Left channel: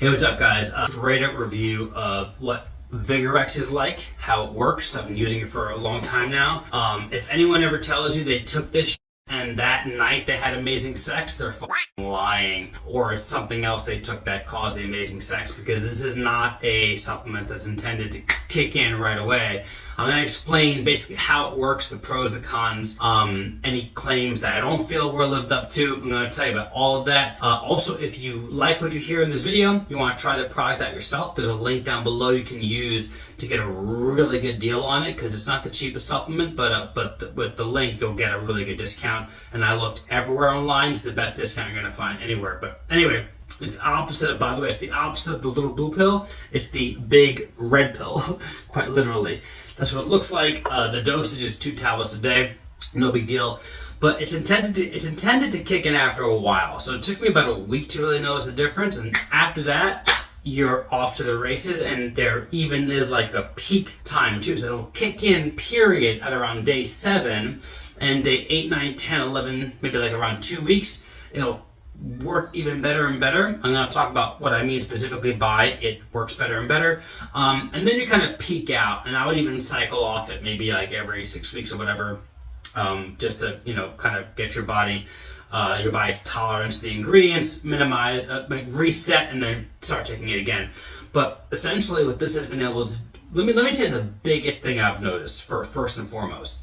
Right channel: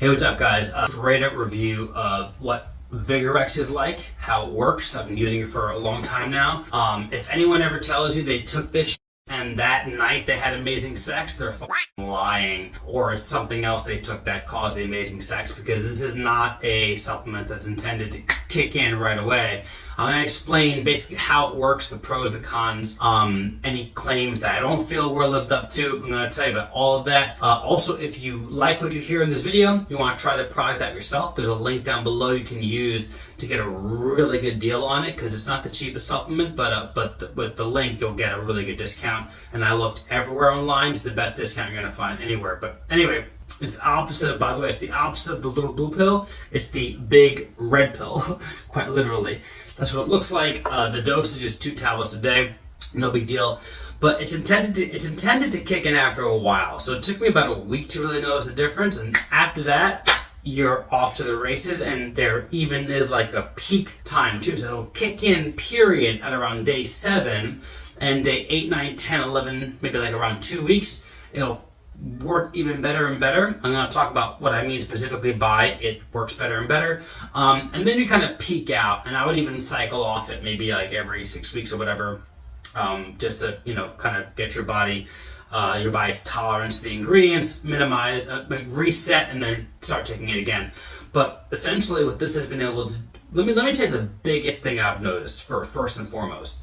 Hey, what's up, guys? Straight up review of what VigRx is like, how it works. I've been using it for a long time now. If anyone ever tells you they took this and that night they had amazing sex, they're lying, or it's something else they took that caused the amazing sex, because this is not a supplement that's intended to kick in right away. I'm going to explain basically how it works, the pros, the cons, any claims that I don't feel were lived up to. I'm going to tell you about all of that. Also, if you like what you hear in this video, you want to try the product out yourself, there's a link down below you can use to get a really good deal on it, because it's not the cheapest supplement, but with the link you'll get a really good discount. And I looked everywhere online, it's the best discount you're going to find anywhere. But anyway, it's the opposite of, by the way, it's the opposite of the little blue pill. It's the big red pill, quite literally. That's what it looks like. The dosage is 2 tablets a day, no big deal. But it's intended to kick in after a while. So it took me about a week to really notice the difference, and after that, you're off to the races. And there even is like a peak time too. So it'll kick in period at around day 7, and day 8, 9, 10, 11, maybe like around 2 weeks, it'll work even better and better. I'm going to talk about what I mean specifically by it works better and better. And then you kind of peak out, and I would even cycle off it maybe like every 6 weeks or whatever, just to, kind of get your body's tolerance to the ingredients, minimize, reset, and then start taking it again. But essentially what this has been able to, let me tell you the biggest thing I've noticed first and foremost,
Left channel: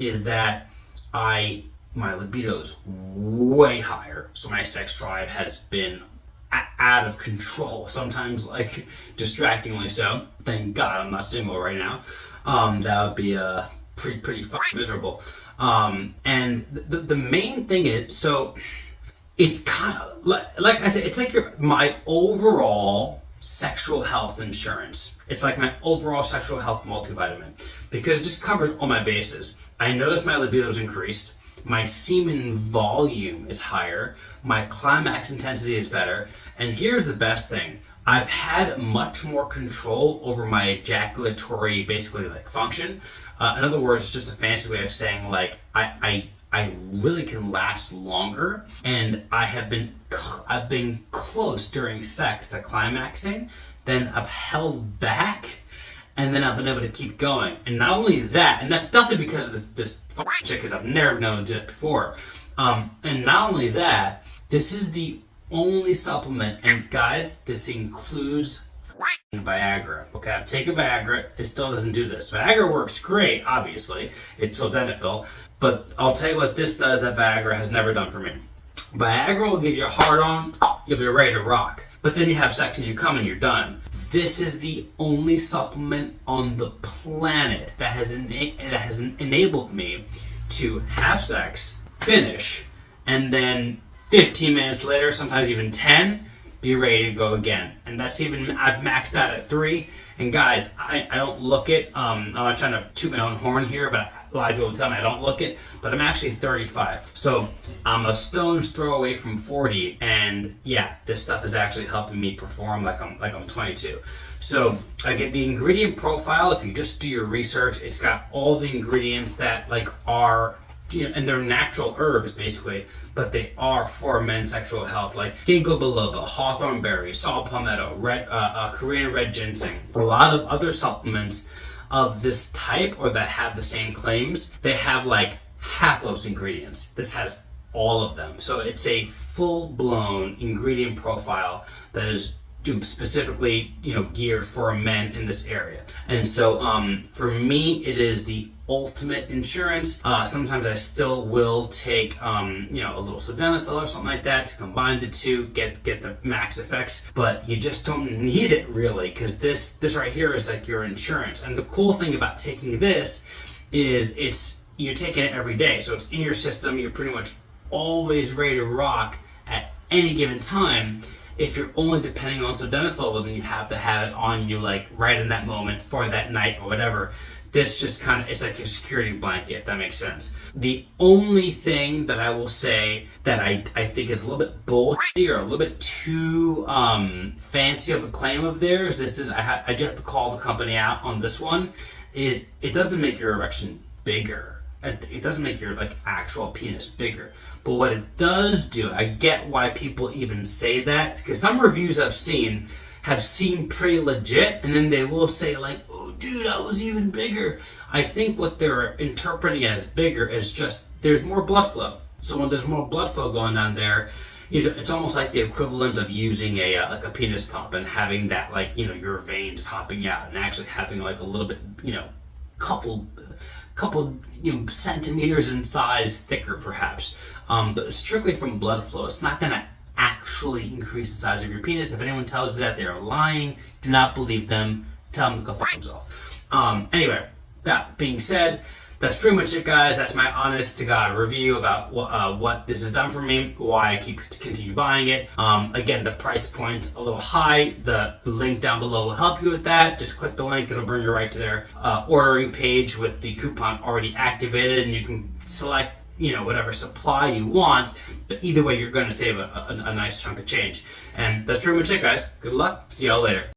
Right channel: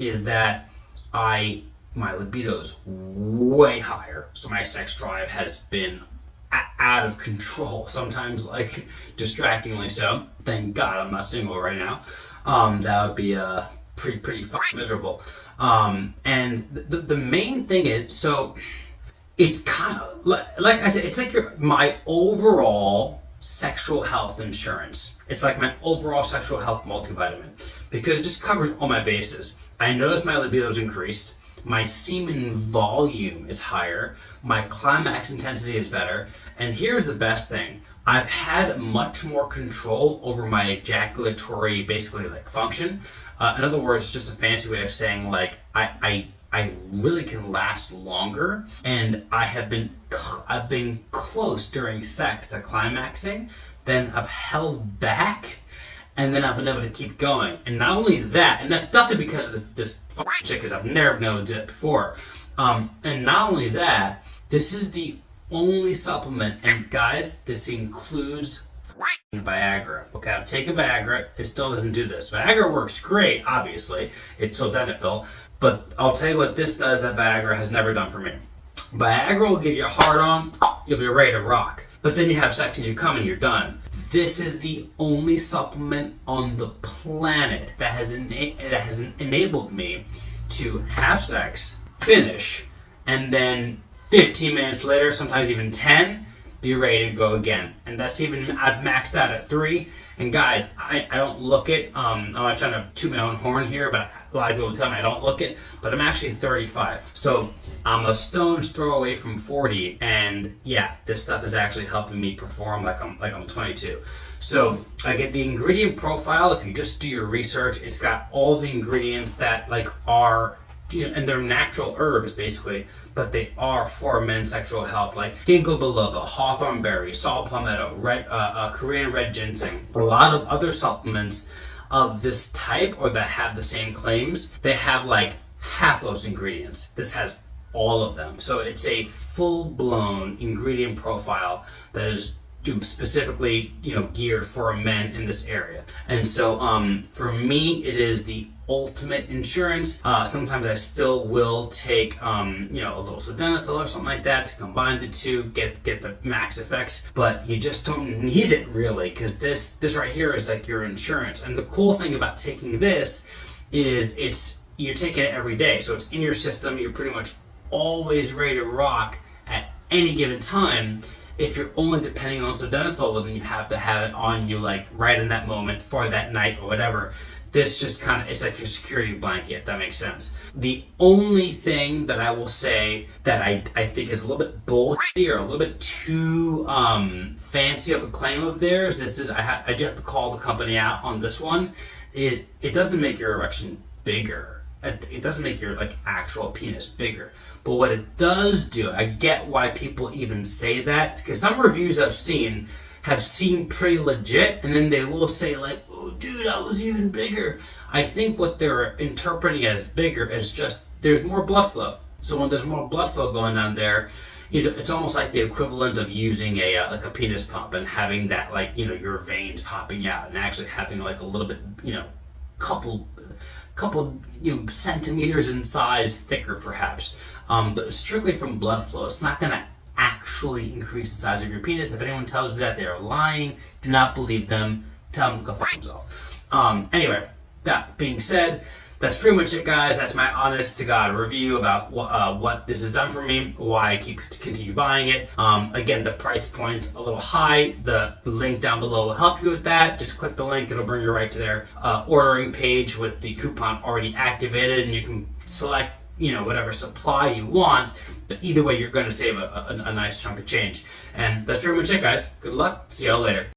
is that my libido's way higher, so my sex drive has been out of control, sometimes like distractingly so. Thank God I'm not single right now. That would be pretty fucking miserable. And the main thing is, so it's kind of like I said, it's like my overall sexual health insurance. It's like my overall sexual health multivitamin, because it just covers all my bases. I noticed my libido's increased. My semen volume is higher, my climax intensity is better, and here's the best thing. I've had much more control over my ejaculatory, basically, like, function. In other words, it's just a fancy way of saying, like, I really can last longer, and I've been close during sex to climaxing, then I've held back, and then I've been able to keep going. And not only that, and that's definitely because of this chick, because I've never known to do it before. And not only that, this is the only supplement, and guys, this includes Viagra. Okay, I've taken Viagra, it still doesn't do this. Viagra works great, obviously, it's sildenafil, but I'll tell you what this does that Viagra has never done for me. Viagra will give you a hard on, you'll be ready to rock, but then you have sex and you come and you're done. This is the only supplement on the planet that has enabled me to have sex, finish, and then 15 minutes later, sometimes even 10, be ready to go again. And that's even, I've maxed out at 3. And guys, I don't look it, I'm not trying to toot my own horn here, but a lot of people tell me I don't look it, but I'm actually 35. So I'm a stone's throw away from 40, and yeah, this stuff is actually helping me perform like I'm 22. So I get the ingredient profile. If you just do your research, it's got all the ingredients that are, and they're natural herbs basically, but they are for men's sexual health, like ginkgo biloba, hawthorn berry, saw palmetto, Korean red ginseng. A lot of other supplements of this type, or that have the same claims, they have like half those ingredients. This has all of them. So it's a full-blown ingredient profile that is specifically geared for men in this area. And so for me, it is the ultimate insurance. Sometimes I still will take a little sildenafil or something like that to combine the two, get the max effects, but you just don't need it really, because this right here is like your insurance. And the cool thing about taking this is you're taking it every day, so it's in your system. You're pretty much always ready to rock at any given time. If you're only depending on sildenafil, well, then you have to have it on you like right in that moment for that night or whatever. This just kind of, it's like your security blanket, if that makes sense. The only thing that I will say that I think is a little bit bullshit or a little bit too fancy of a claim of theirs, I just have to call the company out on this one, is it doesn't make your erection bigger. it doesn't make your like actual penis bigger. But what it does do, I get why people even say that, because some reviews I've seen have seemed pretty legit, and then they will say like, oh dude, I was even bigger. I think what they're interpreting as bigger is just there's more blood flow. So when there's more blood flow going on there, it's almost like the equivalent of using a like a penis pump and having that, like, you know, your veins popping out and actually having like a little bit, you know, couple you know, centimeters in size thicker perhaps, but strictly from blood flow. It's not going to actually increase the size of your penis. If anyone tells you that, they're lying. Do not believe them. Tell them to go fuck themselves. Anyway, that being said, that's pretty much it, guys. That's my honest to God review about what this has done for me, why I continue buying it. Again, the price point's a little high. The link down below will help you with that. Just click the link. It'll bring you right to their ordering page with the coupon already activated, and you can select, you know, whatever supply you want. But either way, you're going to save a nice chunk of change. And that's pretty much it, guys. Good luck. See y'all later.